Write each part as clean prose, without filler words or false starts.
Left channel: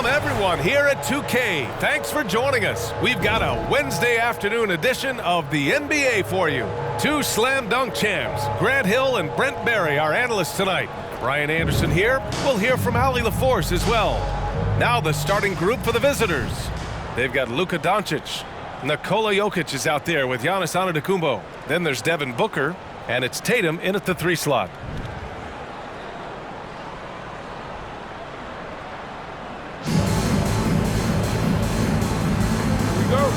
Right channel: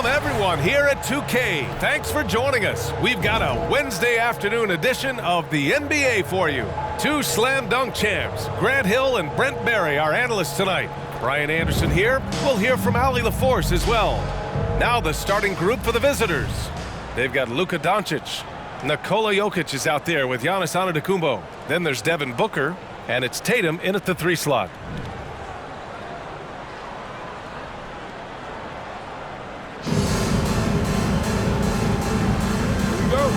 From everyone here at 2K, thanks for joining us. We've got a Wednesday afternoon edition of the NBA for you. Two slam dunk champs, Grant Hill and Brent Barry, our analysts tonight. Brian Anderson here. We'll hear from Ali LaForce as well. Now the starting group for the visitors. They've got Luka Doncic. Nikola Jokic is out there with Giannis Antetokounmpo. Then there's Devin Booker, and it's Tatum in at the 3 slot. Go.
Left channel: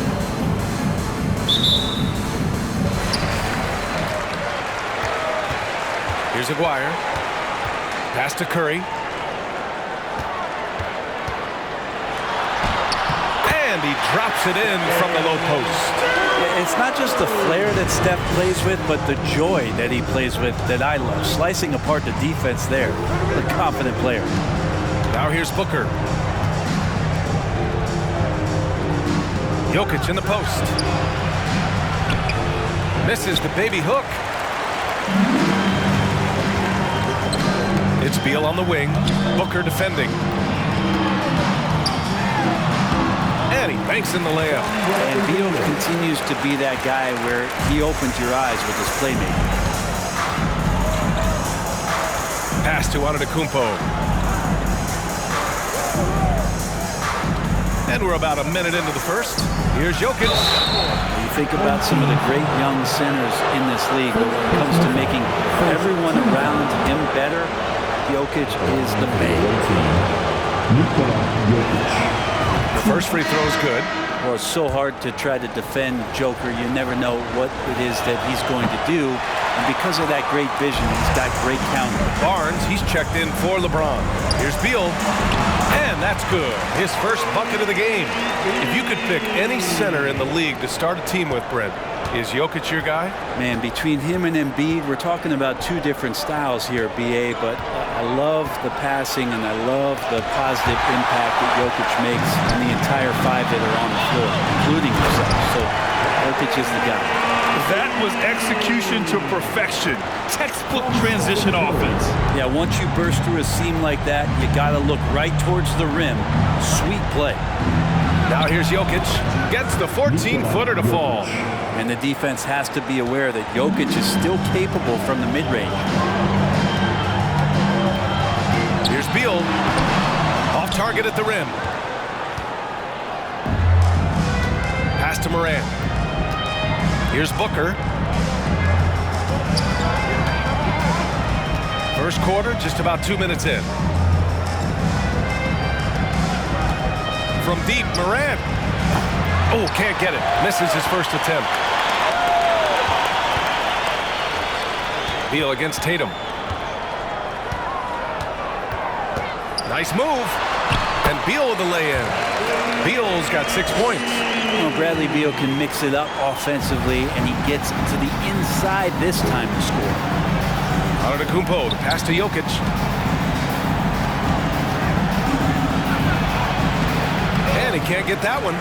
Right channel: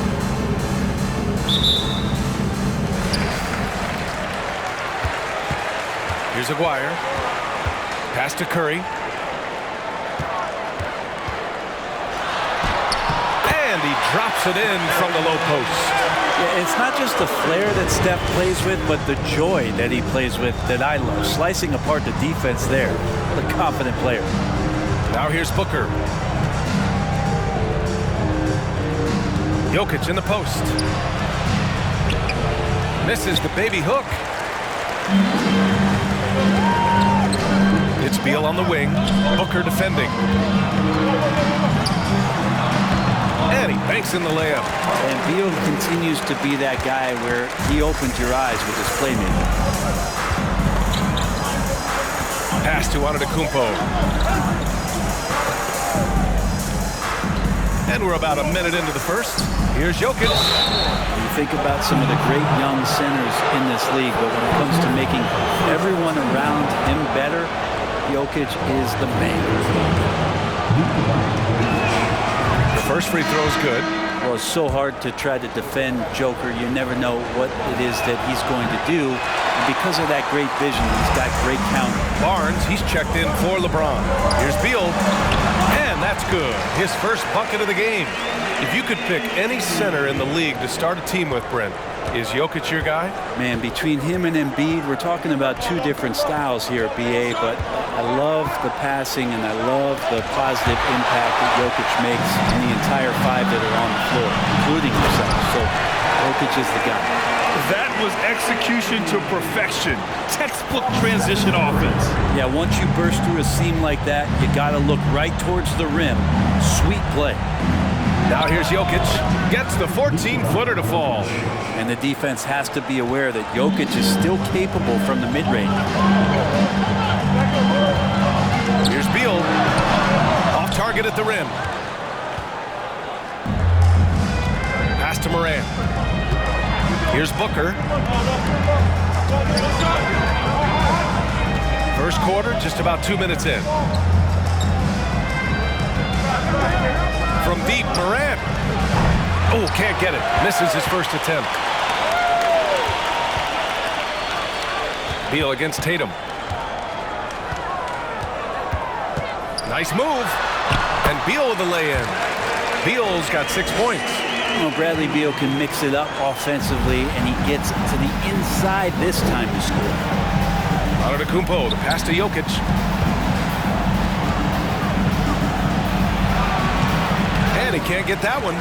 Here's Aguirre. Pass to Curry. And he drops it in from the low post. Yeah, it's not just the flair that Steph plays with, but the joy that he plays with that I love. Slicing apart the defense there. What a confident player. Now here's Booker. Jokic in the post. Misses the baby hook. It's Beal on the wing. Booker defending. And he banks in the layup. And Beal continues to be that guy where he opens your eyes with his playmaking. Pass to Antetokounmpo. And we're about a minute into the first. Here's Jokic. You think about some of the great young centers in this league, but when it comes to making everyone around him better, Jokic is the man. The first free throw is good. Well, it's so hard to try to defend Joker. You never know what it is that he's going to do. And because of that great vision, he's got great counter. Barnes, he's checked in for LeBron. Here's Beal. And that's good. His first bucket of the game. If you could pick any center in the league to start a team with, Brent, is Jokic your guy? Man, between him and Embiid, we're talking about two different styles here, BA, but I love the passing and I love the positive impact that Jokic makes on the entire 5 that are on the floor, including himself. So Jokic is the guy. That was execution to perfection. Textbook transition offense. Yeah, once you burst through a seam like that, you got to look right towards the rim. Sweet play. Now here's Jokic. Gets the 14-footer to fall. And the defense has to be aware that Jokic is still capable from the mid-range. Here's Beal. Off target at the rim. Pass to Morant. Here's Booker. First quarter, just about 2 minutes in. From deep, Morant. Oh, can't get it. Misses his first attempt. Beal against Tatum. Nice move. And Beal with the lay-in. Beal's got 6 points. Well, Bradley Beal can mix it up offensively, and he gets to the inside this time to score. Antetokounmpo, the pass to Jokic. And he can't get that one.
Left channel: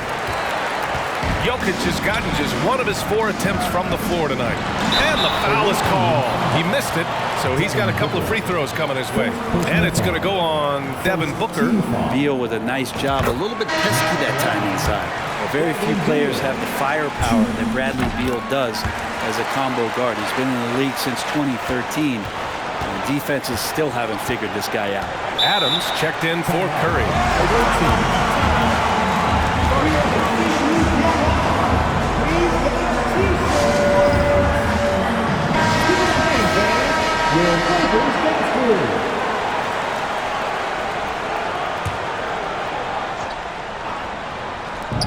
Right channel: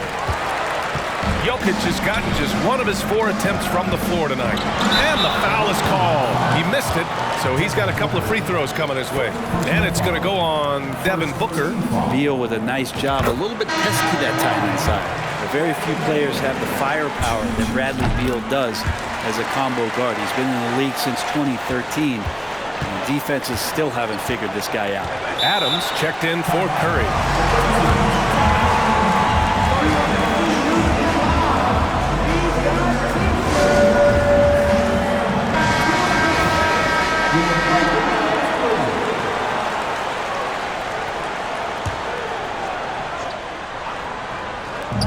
Jokic has gotten just one of his 4 attempts from the floor tonight. And the foul is called. He missed it, so he's got a couple of free throws coming his way. And it's going to go on Devin Booker. Beal with a nice job, a little bit pesky that time inside. Well, very few players have the firepower that Bradley Beal does as a combo guard. He's been in the league since 2013, and defenses still haven't figured this guy out. Adams checked in for Curry.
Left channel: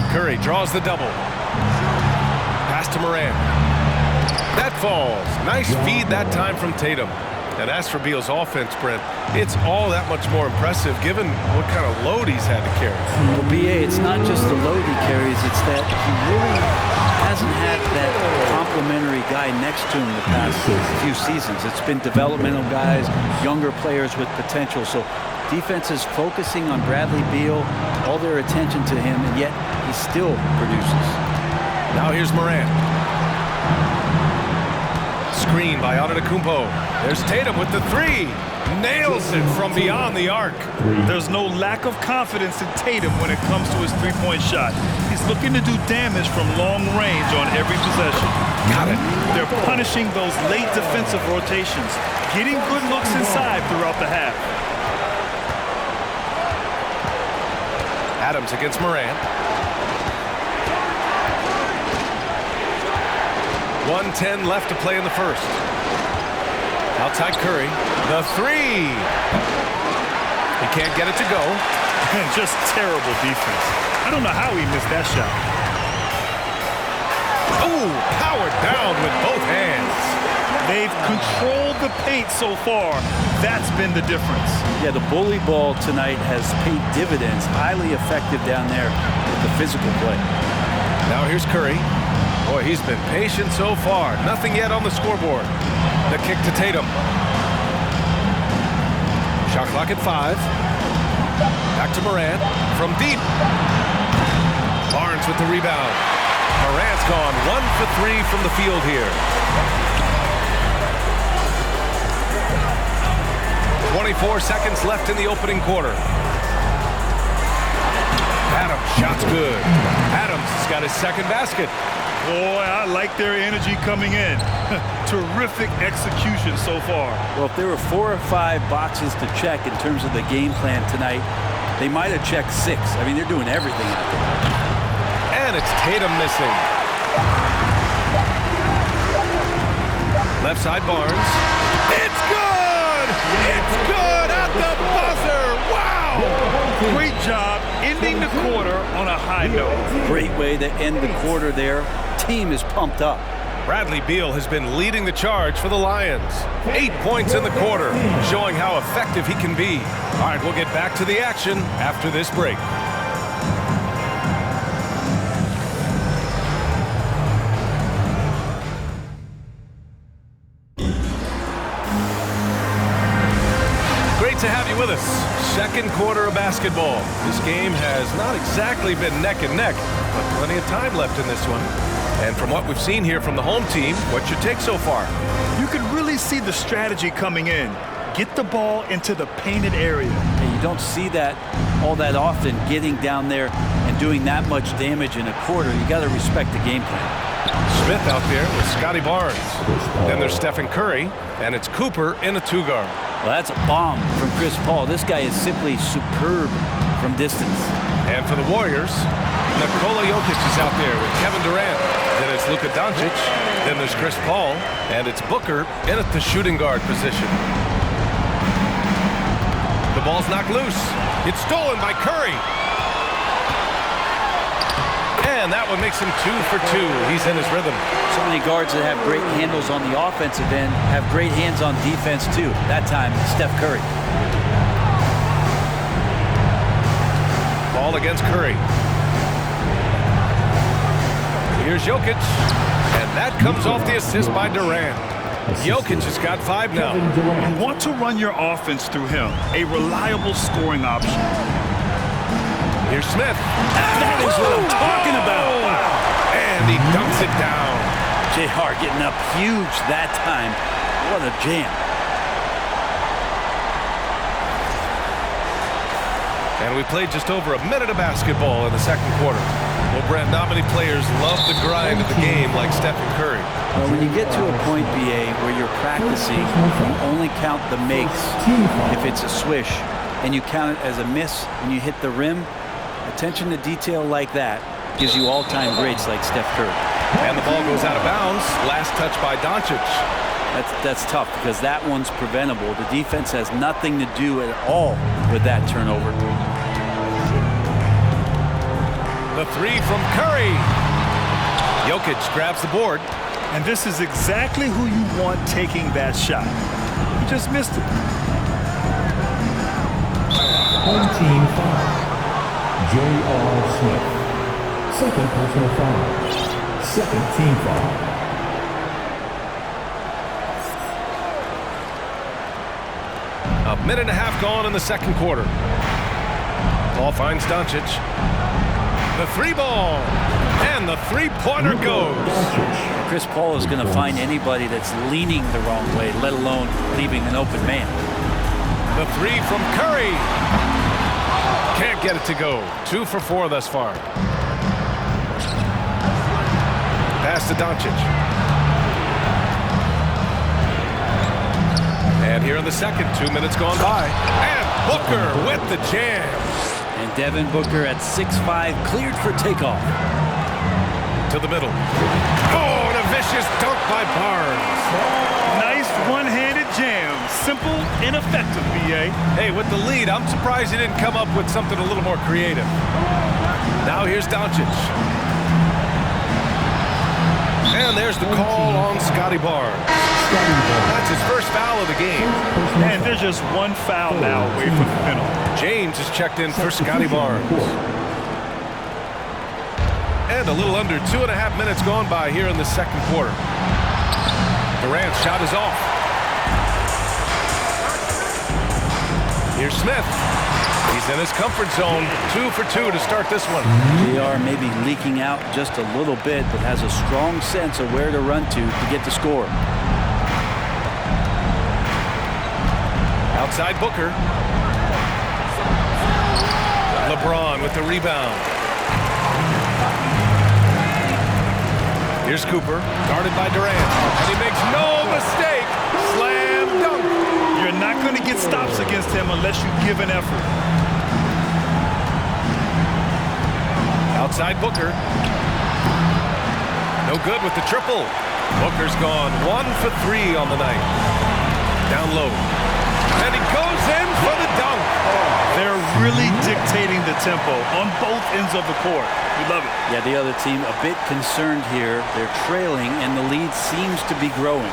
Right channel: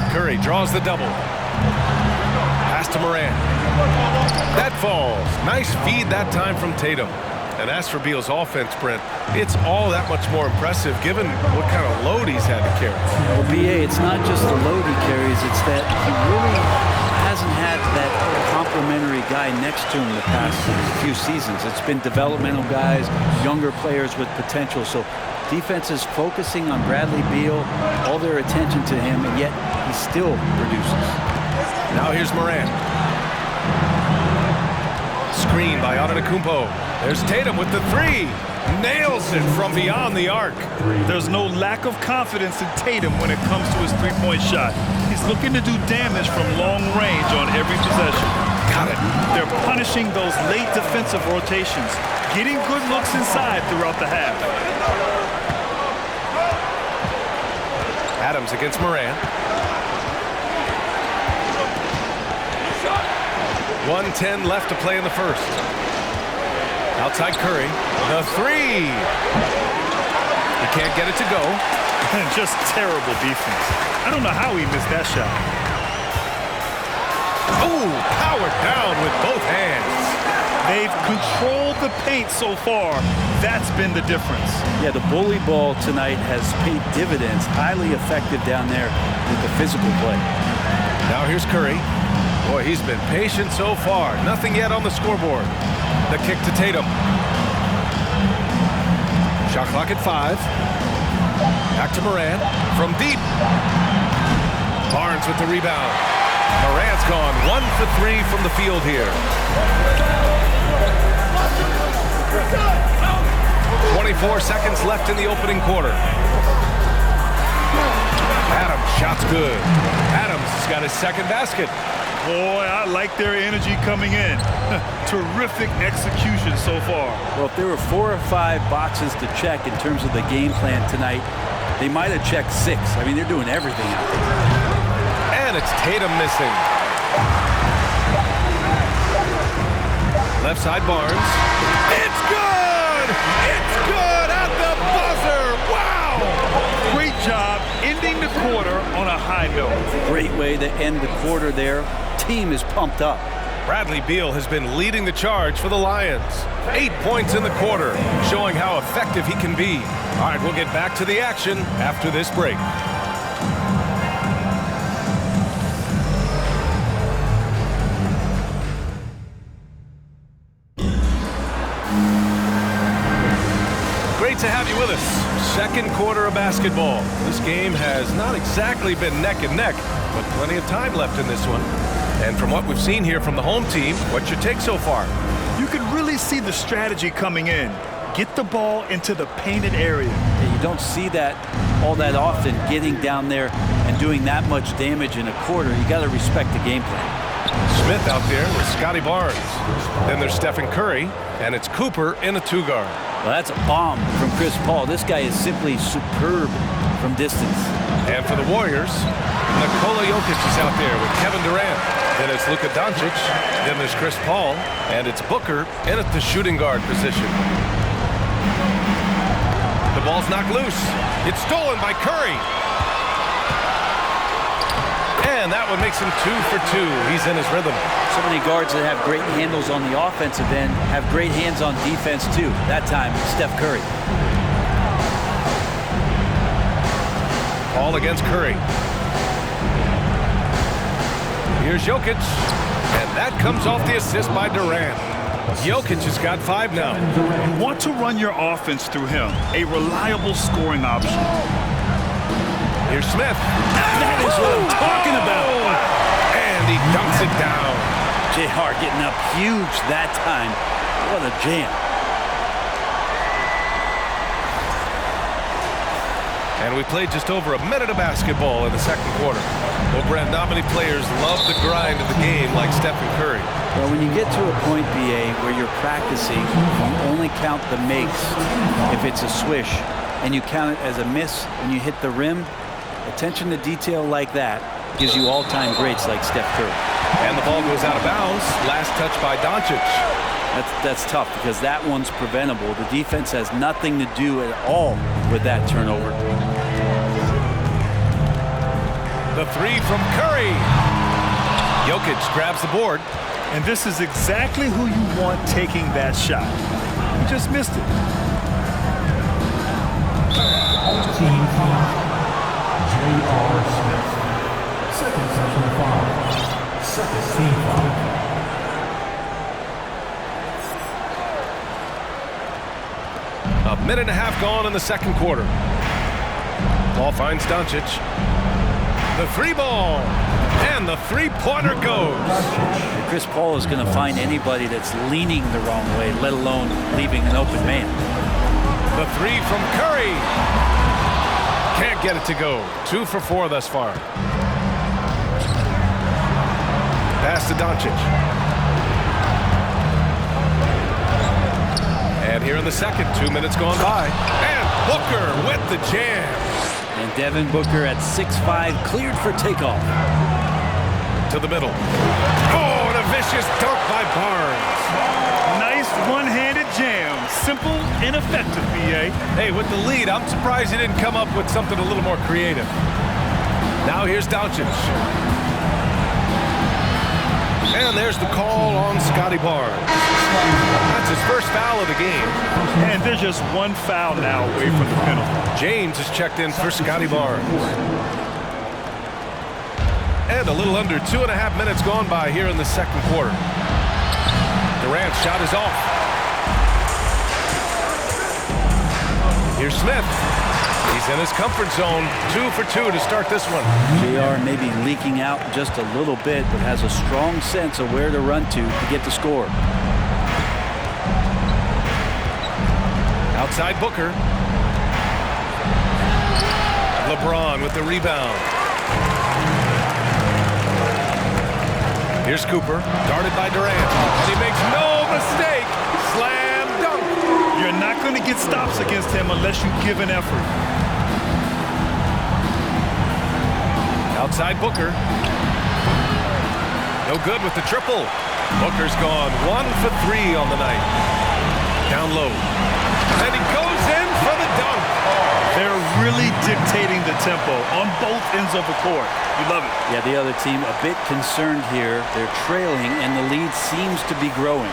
Curry draws the double. Pass to Morant. That falls. Nice feed that time from Tatum. And as for Beal's offense, Brent, it's all that much more impressive given what kind of load he's had to carry. Well, BA, it's not just the load he carries, it's that he really hasn't had that complimentary guy next to him the past few seasons. It's been developmental guys, younger players with potential. So defense is focusing on Bradley Beal, all their attention to him, and yet he still produces. Now here's Morant. Screen by Antetokounmpo. There's Tatum with the three. Nails it from beyond the arc. There's no lack of confidence in Tatum when it comes to his three-point shot. He's looking to do damage from long range on every possession. Got it. They're punishing those late defensive rotations, getting good looks inside throughout the half. Adams against Morant. 1:10 left to play in the first. Outside Curry. The three. He can't get it to go. Just terrible defense. I don't know how he missed that shot. Oh, powered down with both hands. They've controlled the paint so far. That's been the difference. Yeah, the bully ball tonight has paid dividends. Highly effective down there with the physical play. Now here's Curry. Boy, he's been patient so far. Nothing yet on the scoreboard. The kick to Tatum. Shot clock at 5. Back to Morant from deep. Barnes with the rebound. Morant's gone 1 for 3 from the field here. 24 seconds left in the opening quarter. Adams, shot's good. Adams has got his second basket. Boy, I like their energy coming in. Terrific execution so far. Well, if there were 4 or 5 boxes to check in terms of the game plan tonight, they might have checked 6. I mean, they're doing everything out there. And it's Tatum missing. Left side Barnes. It's good! It's good at the buzzer! Wow! Great job ending the quarter on a high note. Great way to end the quarter there. Team is pumped up. Bradley Beal has been leading the charge for the Lions. 8 points in the quarter, showing how effective he can be. All right, we'll get back to the action after this break. Great to have you with us. Second quarter of basketball. This game has not exactly been neck and neck, but plenty of time left in this one. And from what we've seen here from the home team, what's your take so far? You can really see the strategy coming in. Get the ball into the painted area. And you don't see that all that often, getting down there and doing that much damage in a quarter. You got to respect the game plan. Smith out there with Scotty Barnes. Then there's Stephen Curry, and it's Cooper in a 2-guard. Well, that's a bomb from Chris Paul. This guy is simply superb from distance. And for the Warriors, Nikola Jokic is out there with Kevin Durant. Then it's Luka Doncic. Then there's Chris Paul. And it's Booker in at the shooting guard position. The ball's knocked loose. It's stolen by Curry. And that one makes him 2 for 2. He's in his rhythm. So many guards that have great handles on the offensive end have great hands on defense too. That time, Steph Curry. Paul against Curry. Here's Jokic, and that comes off the assist by Durant. Jokic has got 5 now. You want to run your offense through him, a reliable scoring option. Here's Smith. That is what I'm talking about. And he dunks it down. JR getting up huge that time. What a jam. And we played just over a minute of basketball in the second quarter. Well, Brent, not many players love the grind of the game like Stephen Curry. Well, when you get to a point, BA, where you're practicing, you only count the makes if it's a swish, and you count it as a miss when you hit the rim. Attention to detail like that gives you all-time greats like Steph Curry. And the ball goes out of bounds. Last touch by Doncic. That's tough because that one's preventable. The defense has nothing to do at all with that turnover. The 3 from Curry. Jokic grabs the board. And this is exactly who you want taking that shot. He just missed it. Home team foul. J.R. Smith. Second personal foul. Second team foul. A minute and a half gone in the second quarter. Ball finds Doncic. The 3 ball. And the three-pointer goes. Chris Paul is going to find anybody that's leaning the wrong way, let alone leaving an open man. The three from Curry. Can't get it to go. 2 for 4 thus far. Pass to Doncic. And here in the second, 2 minutes gone by. And Booker with the jam. And Devin Booker at 6'5", cleared for takeoff. To the middle. Oh, and a vicious dunk by Barnes. Nice one-handed jam. Simple and effective, B.A. Hey, with the lead, I'm surprised he didn't come up with something a little more creative. Now here's Doncic. And there's the call on Scotty Barnes. That's his first foul of the game. And there's just one foul now away from the penalty. James is checked in for Scotty Barnes. And a little under 2.5 minutes gone by here in the second quarter. Durant's shot is off. Here's Smith. He's in his comfort zone. 2 for 2 to start this one. JR may be leaking out just a little bit, but has a strong sense of where to run to get the score. Outside Booker. LeBron with the rebound. Here's Cooper, guarded by Durant, and he makes no mistake. Slam dunk. You're not going to get stops against him unless you give an effort. Outside Booker. No good with the triple. Booker's gone 1 for 3 on the night. Down low. And he goes in for the dunk. They're really dictating the tempo on both ends of the court. You love it. Yeah, the other team a bit concerned here. They're trailing, and the lead seems to be growing.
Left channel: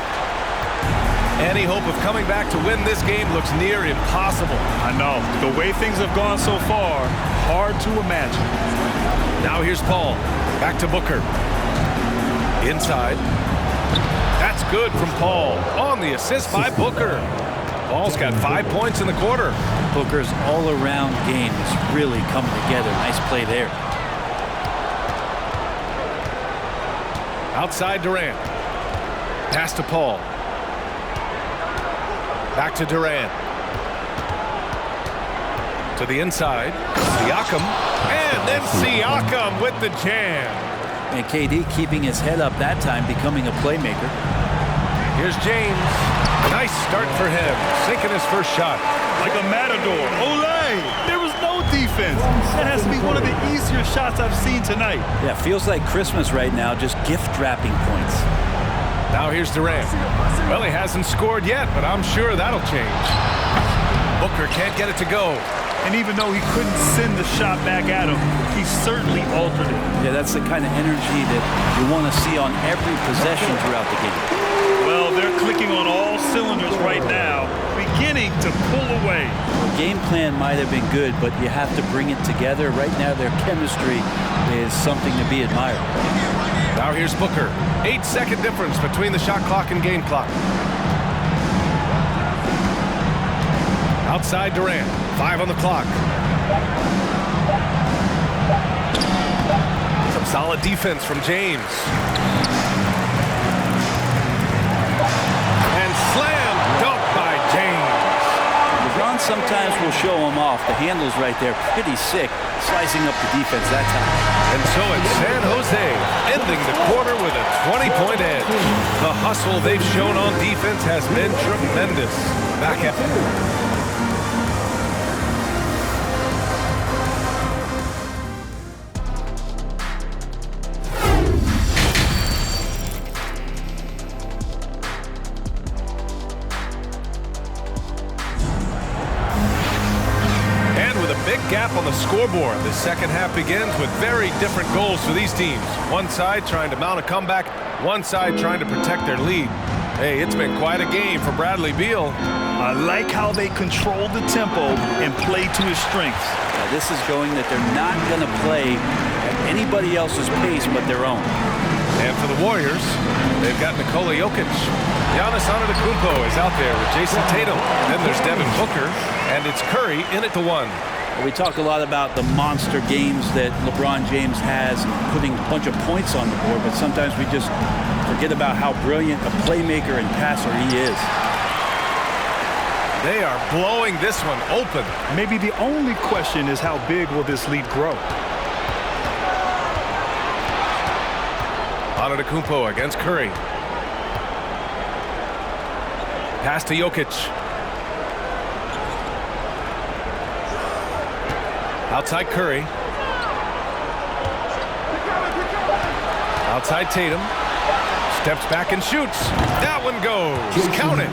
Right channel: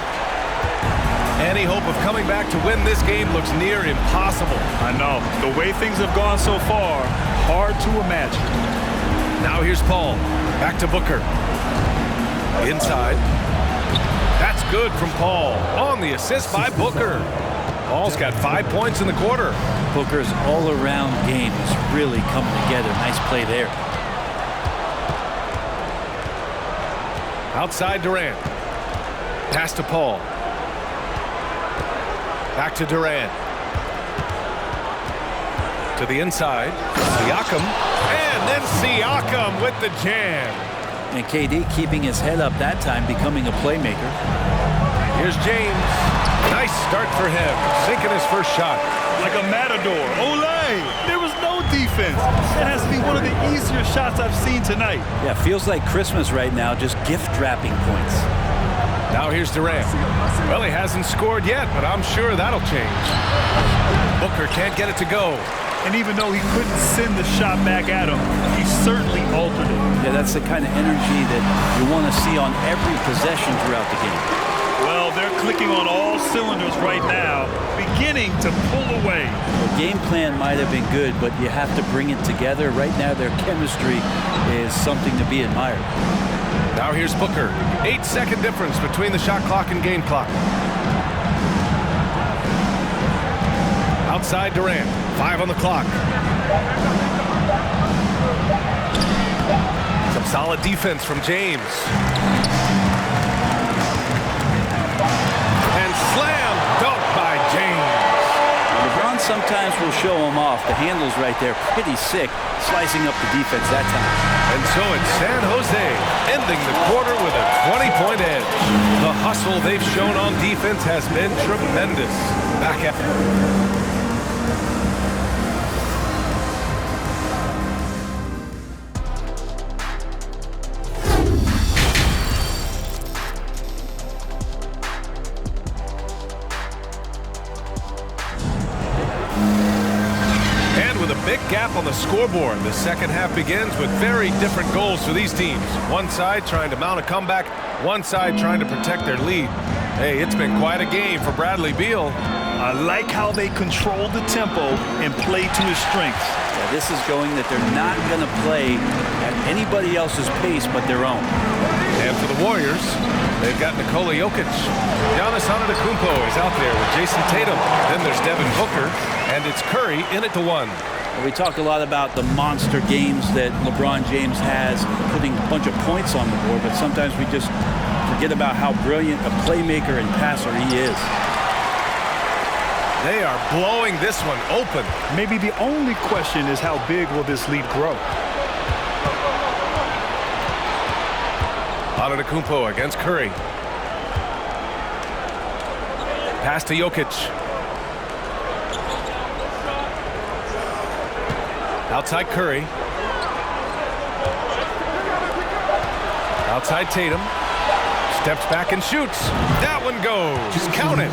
Any hope of coming back to win this game looks near impossible. I know. The way things have gone so far, hard to imagine. Now here's Paul. Back to Booker. Inside. That's good from Paul. On the assist by Booker. Paul's got 5 points in the quarter. Booker's all-around game is really coming together. Nice play there. Outside Durant. Pass to Paul. Back to Durant. To the inside. Siakam. And then Siakam with the jam. And KD keeping his head up that time, becoming a playmaker. Here's James. Nice start for him. Sinking his first shot. Like a matador. Olay! There was no defense. That has to be one of the easier shots I've seen tonight. Yeah, feels like Christmas right now, just gift wrapping points. Now here's Durant. Well, he hasn't scored yet, but I'm sure that'll change. Booker can't get it to go. And even though he couldn't send the shot back at him, he certainly altered it. Yeah, that's the kind of energy that you want to see on every possession throughout the game. Well, they're clicking on all cylinders right now, beginning to pull away. Well, game plan might have been good, but you have to bring it together. Right now, their chemistry is something to be admired. Now here's Booker. 8-second difference between the shot clock and game clock. Outside Durant. 5 on the clock. Some solid defense from James. And slam dunk by James. LeBron sometimes will show him off. The handle's right there, pretty sick, slicing up the defense that time. And so it's San Jose ending the quarter with a 20-point edge. The hustle they've shown on defense has been tremendous. Back at big gap on the scoreboard. The second half begins with very different goals for these teams. One side trying to mount a comeback, one side trying to protect their lead. Hey, it's been quite a game for Bradley Beal. I like how they control the tempo and play to his strengths. Yeah, this is going that they're not going to play at anybody else's pace but their own. And for the Warriors, they've got Nikola Jokic. Giannis Antetokounmpo is out there with Jason Tatum. Then there's Devin Booker, and it's Curry in at the 1. We talk a lot about the monster games that LeBron James has and putting a bunch of points on the board, but sometimes we just forget about how brilliant a playmaker and passer he is. They are blowing this one open. Maybe the only question is how big will this lead grow? Antetokounmpo against Curry. Pass to Jokic. Outside Curry. Outside Tatum. Steps back and shoots. That one goes. Count it.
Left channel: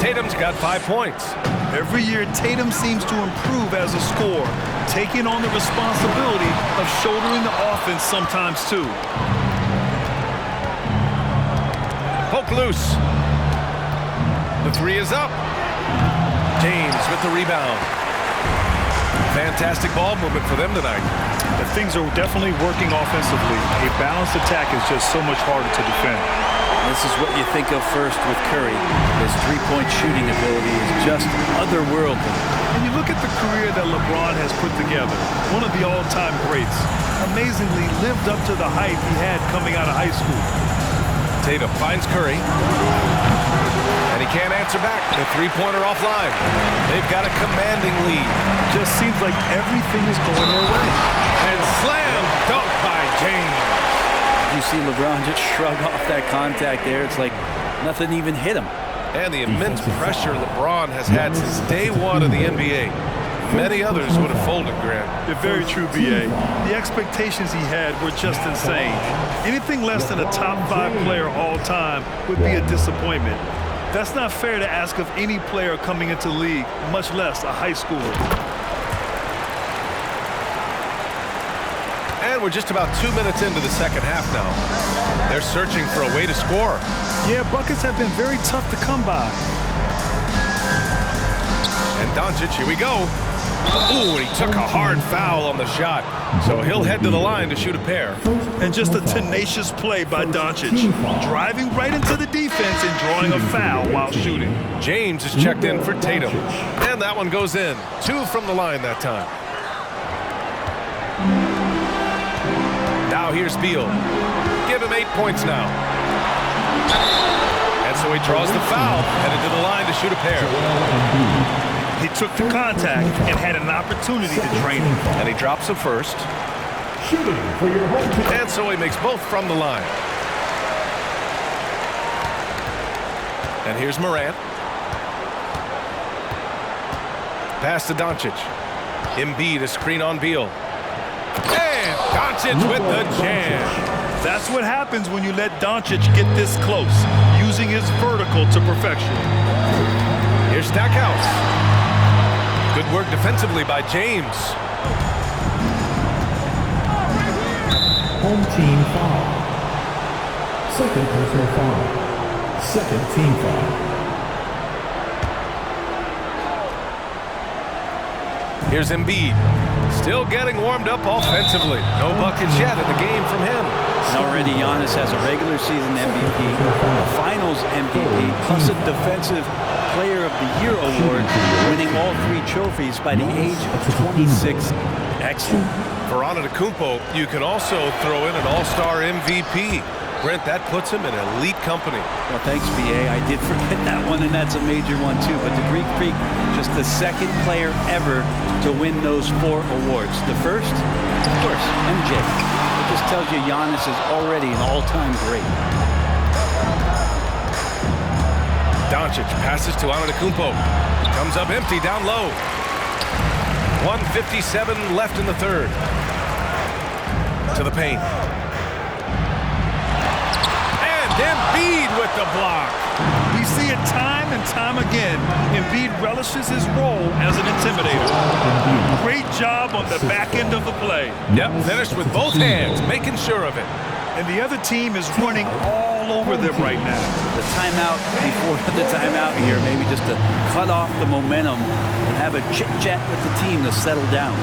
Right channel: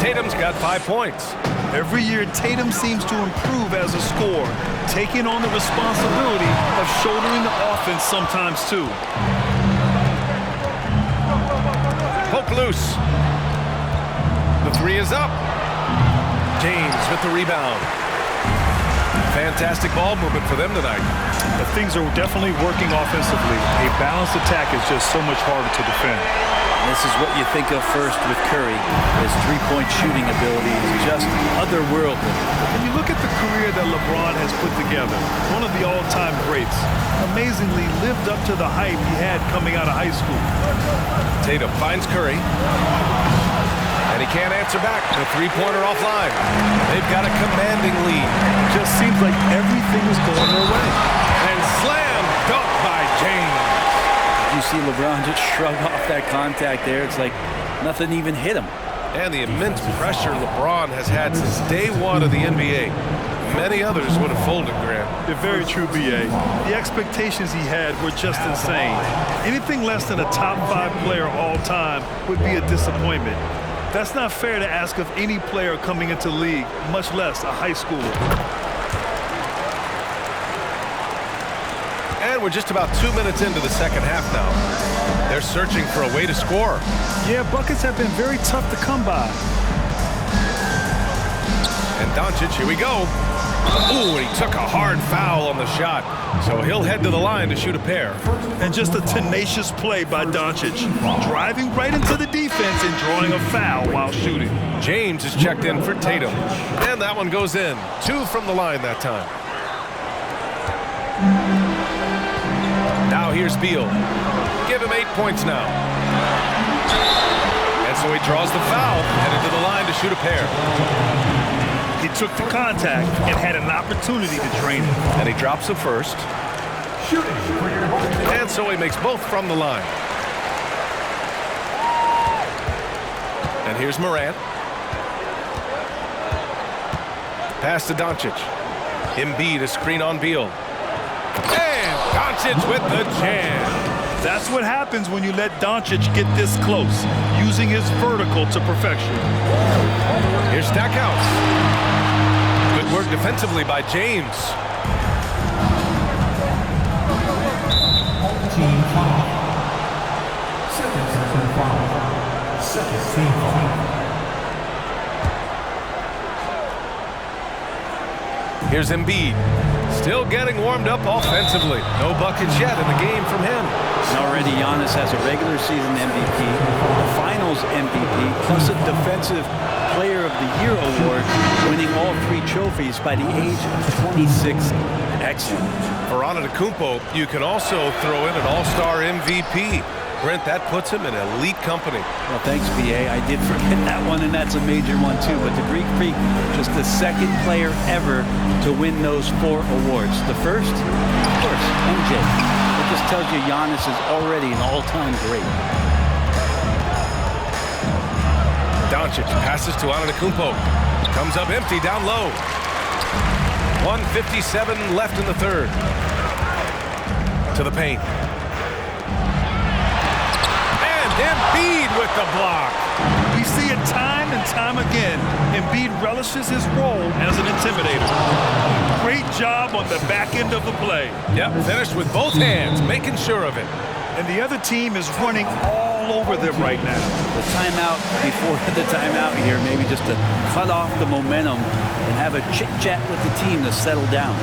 Tatum's got 5 points. Every year, Tatum seems to improve as a scorer, taking on the responsibility of shouldering the offense sometimes too. Poke loose. The three is up. James with the rebound. Fantastic ball movement for them tonight. If things are definitely working offensively, a balanced attack is just so much harder to defend. This is what you think of first with Curry. His three-point shooting ability is just otherworldly. When you look at the career that LeBron has put together, one of the all-time greats, amazingly lived up to the hype he had coming out of high school. Tatum finds Curry. And he can't answer back. The three-pointer offline. They've got a commanding lead. It just seems like everything is going their way. And slam dunk by James. You see LeBron just shrug off that contact there. It's like nothing even hit him. And the immense pressure LeBron has had since day one of the NBA. Many others would have folded, Grant. You're very true, B.A. The expectations he had were just insane. Anything less than a top 5 player all time would be a disappointment. That's not fair to ask of any player coming into the league, much less a high schooler. And we're just about 2 minutes into the second half now. They're searching for a way to score. Yeah, buckets have been very tough to come by. And Doncic, here we go. Ooh, he took a hard foul on the shot. So he'll head to the line to shoot a pair. And just a tenacious play by Doncic, driving right into the defense and drawing a foul while shooting. James is checked in for Tatum. And that one goes in. 2 from the line that time. Now here's Beal. Give him 8 points now. And so he draws the foul, headed to the line to shoot a pair. He took the contact and had an opportunity to drain it. And he drops the first. Shooting for your home team. And so he makes both from the line. And here's Morant. Pass to Doncic. Embiid a screen on Beal. And Doncic with the jam. That's what happens when you let Doncic get this close, using his vertical to perfection. Here's Stackhouse. Good work defensively by James. Home team foul. Second personal foul. Second team foul. Here's Embiid. Still getting warmed up offensively. No buckets yet in the game from him. And already Giannis has a regular season MVP, a finals MVP, plus a defensive player of the year award, winning all 3 trophies by the age of 26. Excellent. For Antetokounmpo, you can also throw in an all-star MVP. Brent, that puts him in elite company. Well, thanks, B.A. I did forget that one, and that's a major one, too. But the Greek Freak, just the second player ever to win those 4 awards. The first, of course, MJ. It just tells you Giannis is already an all-time great. Doncic passes to Antetokounmpo. Comes up empty down low. 1:57 left in the third. To the paint. Embiid with the block. We see it time and time again. Embiid relishes his role as an intimidator. Great job on the back end of the play. Yep, finished with both hands, making sure of it. And the other team is running all over them right now. The timeout before the timeout here, maybe just to cut off the momentum and have a chit-chat with the team to settle down.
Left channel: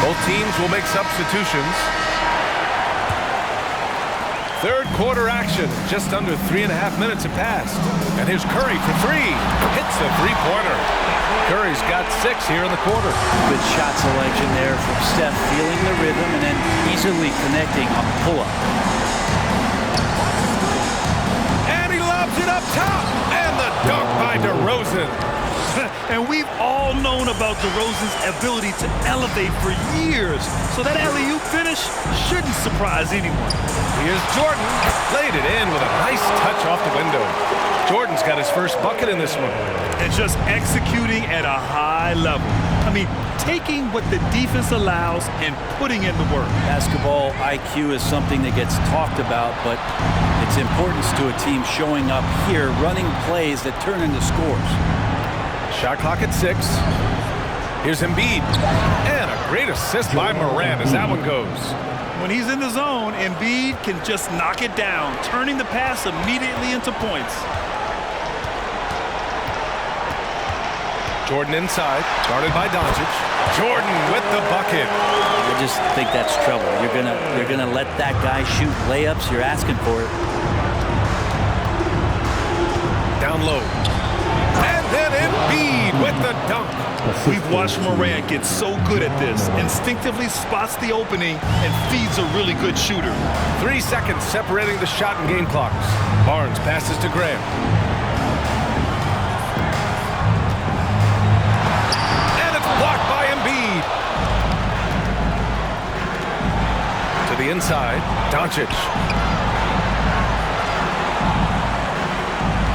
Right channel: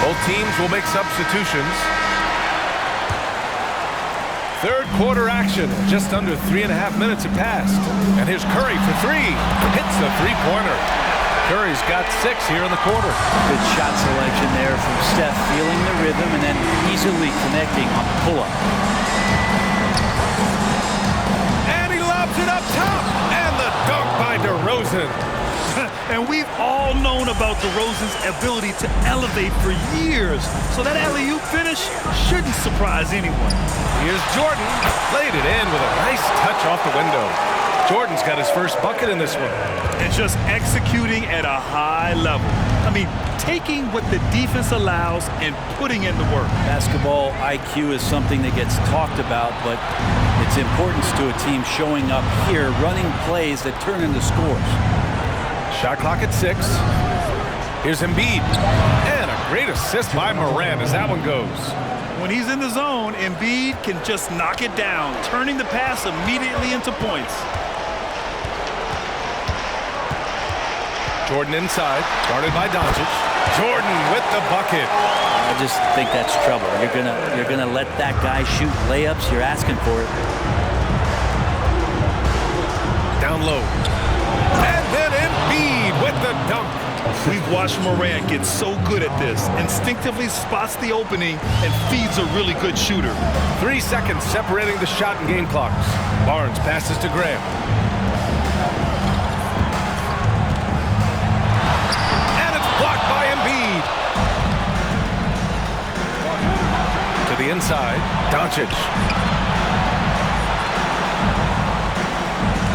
Both teams will make substitutions. Third quarter action. Just under 3.5 minutes have passed. And here's Curry for three. Hits the three-pointer. Curry's got 6 here in the quarter. Good shot selection there from Steph, feeling the rhythm and then easily connecting on the pull-up. And he lobs it up top. And the dunk by DeRozan. And we've all known about DeRozan's ability to elevate for years. So that alley-oop finish shouldn't surprise anyone. Here's Jordan. Laid it in with a nice touch off the window. Jordan's got his first bucket in this one. And just executing at a high level. I mean, taking what the defense allows and putting in the work. Basketball IQ is something that gets talked about, but its importance to a team showing up here, running plays that turn into scores. Shot clock at 6. Here's Embiid. And a great assist by Morant as that one goes. When he's in the zone, Embiid can just knock it down, turning the pass immediately into points. Jordan inside, guarded by Doncic. Jordan with the bucket. I just think that's trouble. You're gonna let that guy shoot layups. You're asking for it. Down low. And then Embiid with the dunk. We've watched Morant get so good at this. Instinctively spots the opening and feeds a really good shooter. 3 seconds separating the shot and game clocks. Barnes passes to Graham. And it's blocked by Embiid. To the inside, Doncic.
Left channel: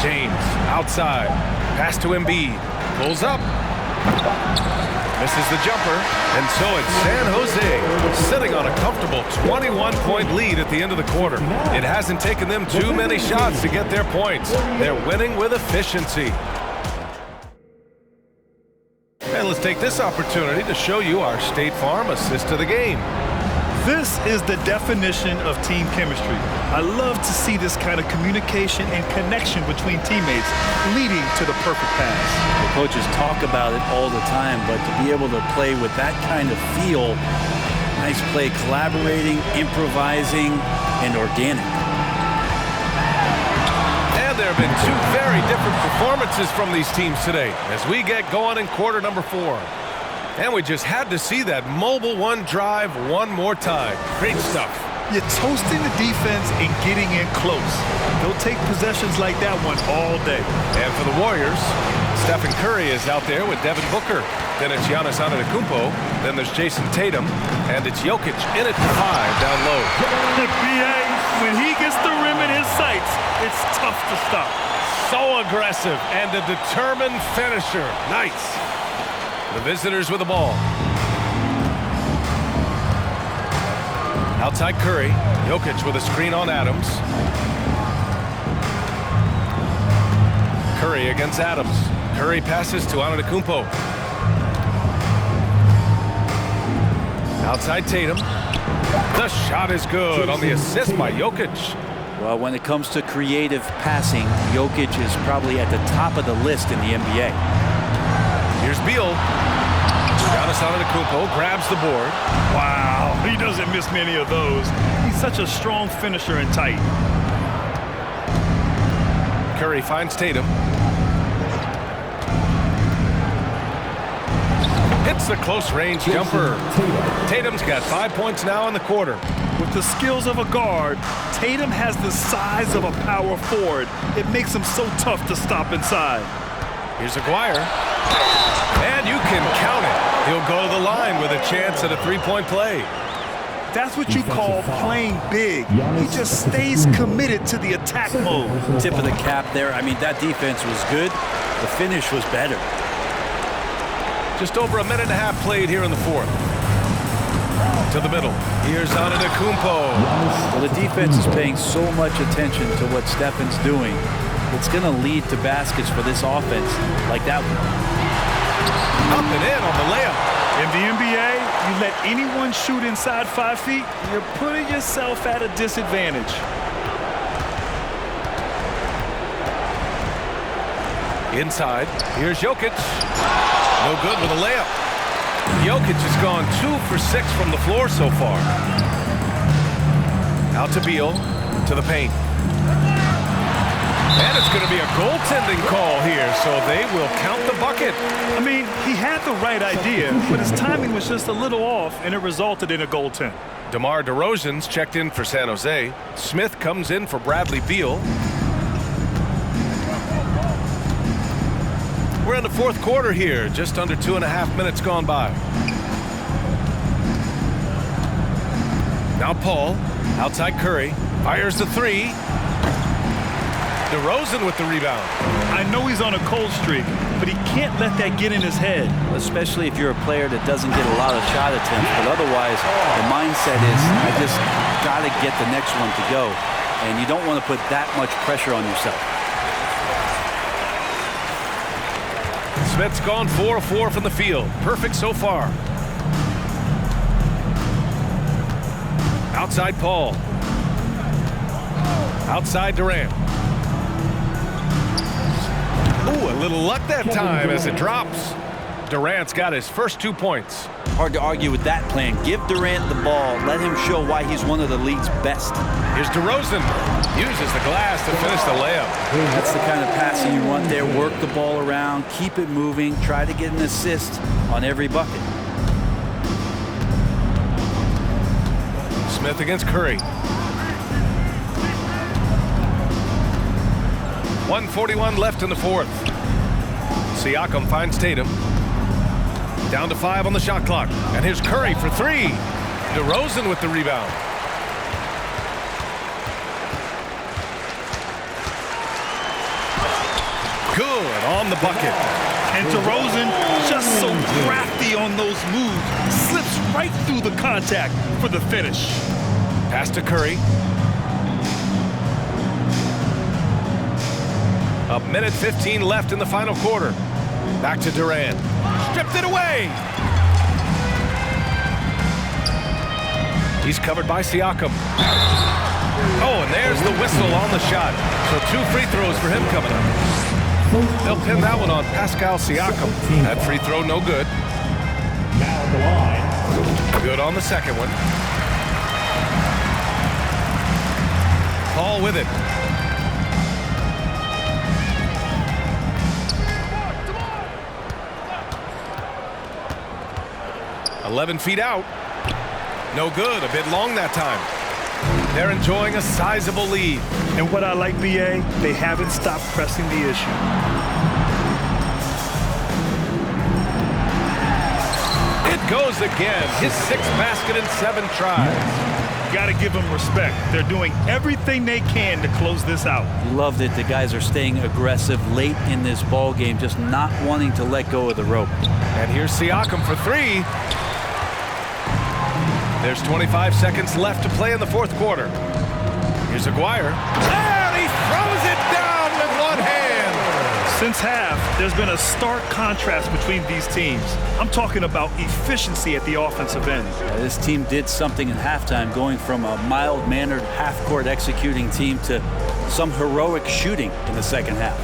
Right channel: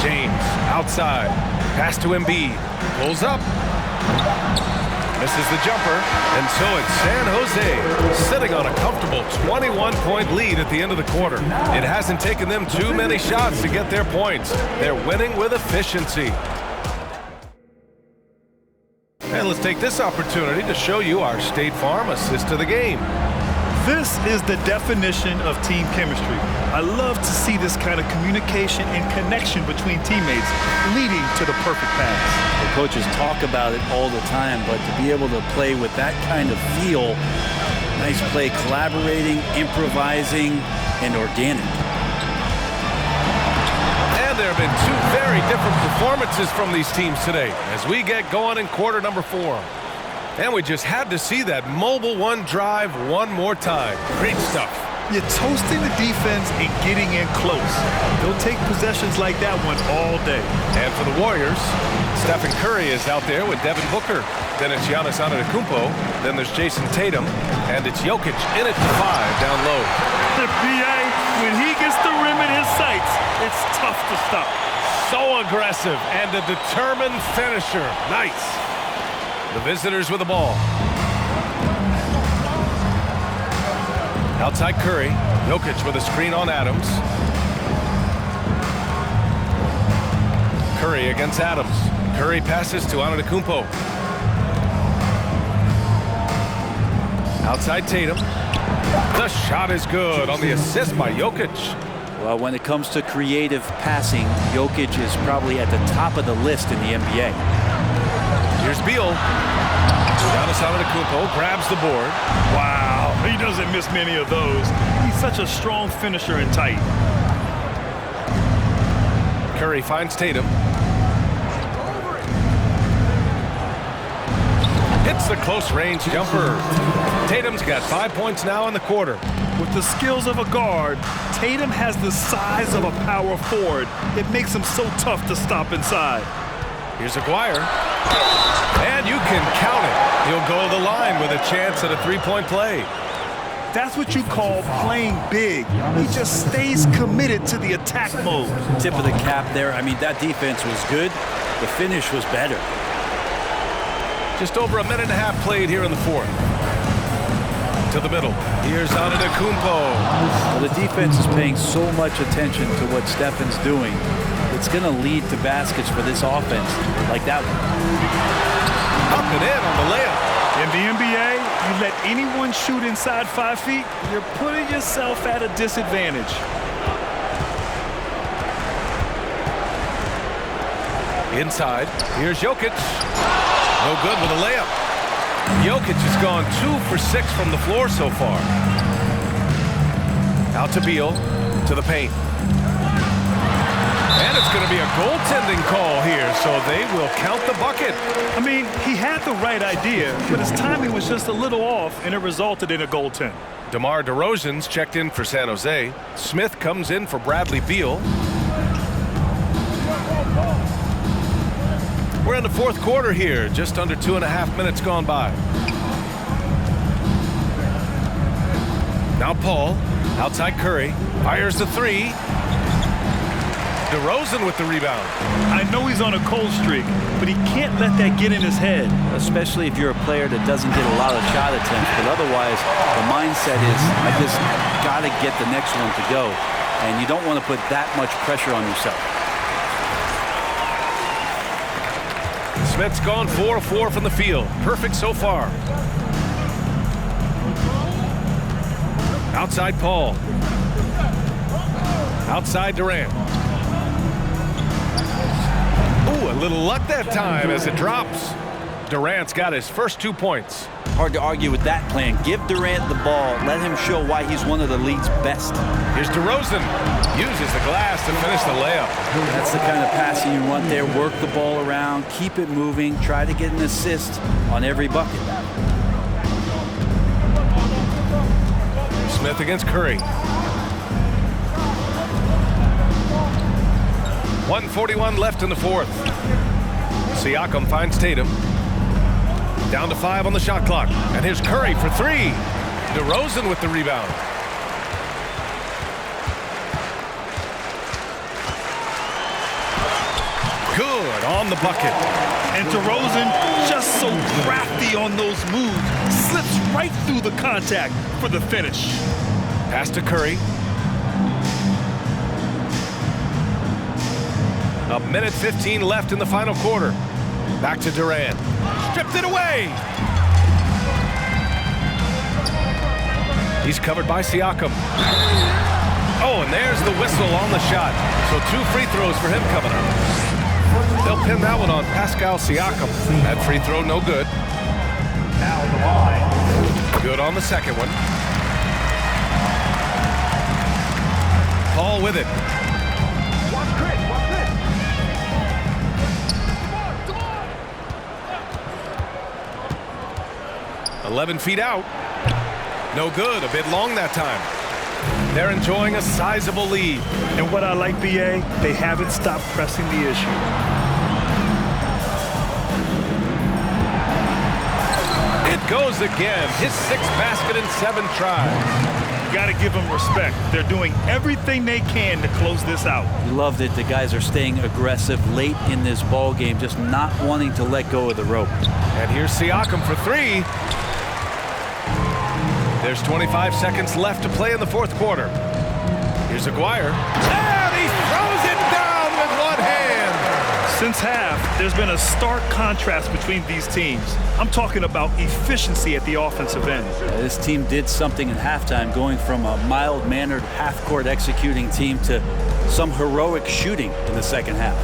James outside. Pass to Embiid. Pulls up. Misses the jumper. And so it's San Jose sitting on a comfortable 21-point lead at the end of the quarter. It hasn't taken them too many shots to get their points. They're winning with efficiency. And let's take this opportunity to show you our State Farm assist of the game. This is the definition of team chemistry. I love to see this kind of communication and connection between teammates leading to the perfect pass. The coaches talk about it all the time, but to be able to play with that kind of feel, nice play, collaborating, improvising, and organic. And there have been 2 very different performances from these teams today as we get going in quarter number 4. And we just had to see that mobile one drive one more time. Great stuff. You're toasting the defense and getting in close. They'll take possessions like that one all day. And for the Warriors, Stephen Curry is out there with Devin Booker. Then it's Giannis Antetokounmpo. Then there's Jason Tatum. And it's Jokic in at the 5 down low. B.A., when he gets the rim in his sights, it's tough to stop. So aggressive and a determined finisher. Nice. The visitors with the ball. Outside Curry. Jokic with a screen on Adams. Curry against Adams. Curry passes to Antetokounmpo. Outside Tatum. The shot is good on the assist by Jokic. Well, when it comes to creative passing, Jokic is probably at the top of the list in the NBA. Here's Beal. Giannis Antetokounmpo grabs the board. Wow, he doesn't miss many of those. He's such a strong finisher and tight. Curry finds Tatum. Hits the close-range jumper. Tatum's got 5 points now in the quarter. With the skills of a guard, Tatum has the size of a power forward. It makes him so tough to stop inside. Here's Aguirre. And you can count it. He'll go to the line with a chance at a 3-point play. That's what you call playing big. He just stays committed to the attack mode. Tip of the cap there. I mean, that defense was good. The finish was better. Just over a minute and a half played here in the 4th. To the middle. Here's Antetokounmpo. Well, the defense is paying so much attention to what Stephen's doing. It's going to lead to baskets for this offense like that one. Up and in on the layup. In the NBA, you let anyone shoot inside 5 feet, you're putting yourself at a disadvantage. Inside, here's Jokic. No good with a layup. Jokic has gone 2 for 6 from the floor so far. Out to Beal. to the paint. And it's going to be a goaltending call here, so they will count the bucket. I mean, he had the right idea, but his timing was just a little off, and it resulted in a goaltend. DeMar DeRozan's checked in for San Jose. Smith comes in for Bradley Beal. We're in the fourth quarter here, just under 2.5 minutes gone by. Now Paul, outside Curry, fires the three. DeRozan with the rebound. I know he's on a cold streak, but he can't let that get in his head. Especially if you're a player that doesn't get a lot of shot attempts, but otherwise the mindset is, I just got to get the next one to go. And you don't want to put that much pressure on yourself. Smith's gone 4 of 4 from the field. Perfect so far. Outside Paul. Outside Durant. Ooh, a little luck that time as it drops. Durant's got his first 2 points. Hard to argue with that plan. Give Durant the ball. Let him show why he's one of the league's best. Here's DeRozan. Uses the glass to finish the layup. That's the kind of passing you want there. Work the ball around. Keep it moving. Try to get an assist on every bucket. Smith against Curry. 1:41 left in the fourth. Siakam finds Tatum. Down to 5 on the shot clock. And here's Curry for 3. DeRozan with the rebound. Good on the bucket. And DeRozan, just so crafty on those moves, slips right through the contact for the finish. Pass to Curry. 1:15 left in the final quarter. Back to Durant. Stripped it away. He's covered by Siakam. Oh, and there's the whistle on the shot. So 2 free throws for him coming up. They'll pin that one on Pascal Siakam. That free throw no good. Now at the line. Good on the second one. Paul with it. – 11 feet out. No good. A bit long that time. They're enjoying a sizable lead. And what I like, BA, they haven't stopped pressing the issue. It goes again. His 6th basket in 7 tries. You got to give them respect. They're doing everything they can to close this out. You love that the guys are staying aggressive late in this ball game, just not wanting to let go of the rope. And here's Siakam for 3. There's 25 seconds left to play in the fourth quarter. Here's Aguirre. And he throws it down with one hand. Since half, there's been a stark contrast between these teams. I'm talking about efficiency at the offensive end. This team did something in halftime, going from a mild-mannered half-court executing team to some heroic shooting in the second half.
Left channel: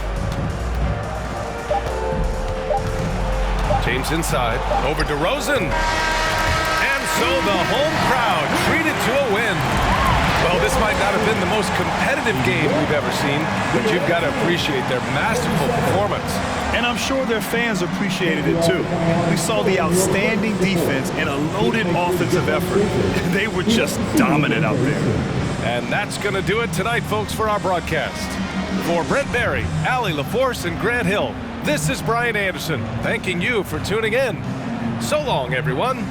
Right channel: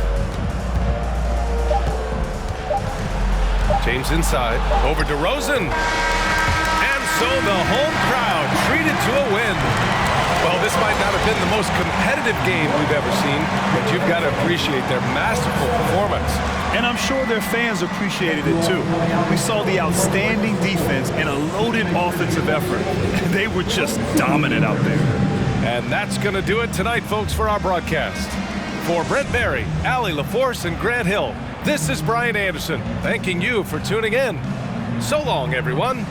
James inside. Over DeRozan. So the home crowd treated to a win. Well, this might not have been the most competitive game we've ever seen, but you've got to appreciate their masterful performance. And I'm sure their fans appreciated it too. We saw the outstanding defense and a loaded offensive effort. They were just dominant out there. And that's going to do it tonight, folks, for our broadcast. For Brent Barry, Allie LaForce, and Grant Hill, this is Brian Anderson, thanking you for tuning in. So long, everyone.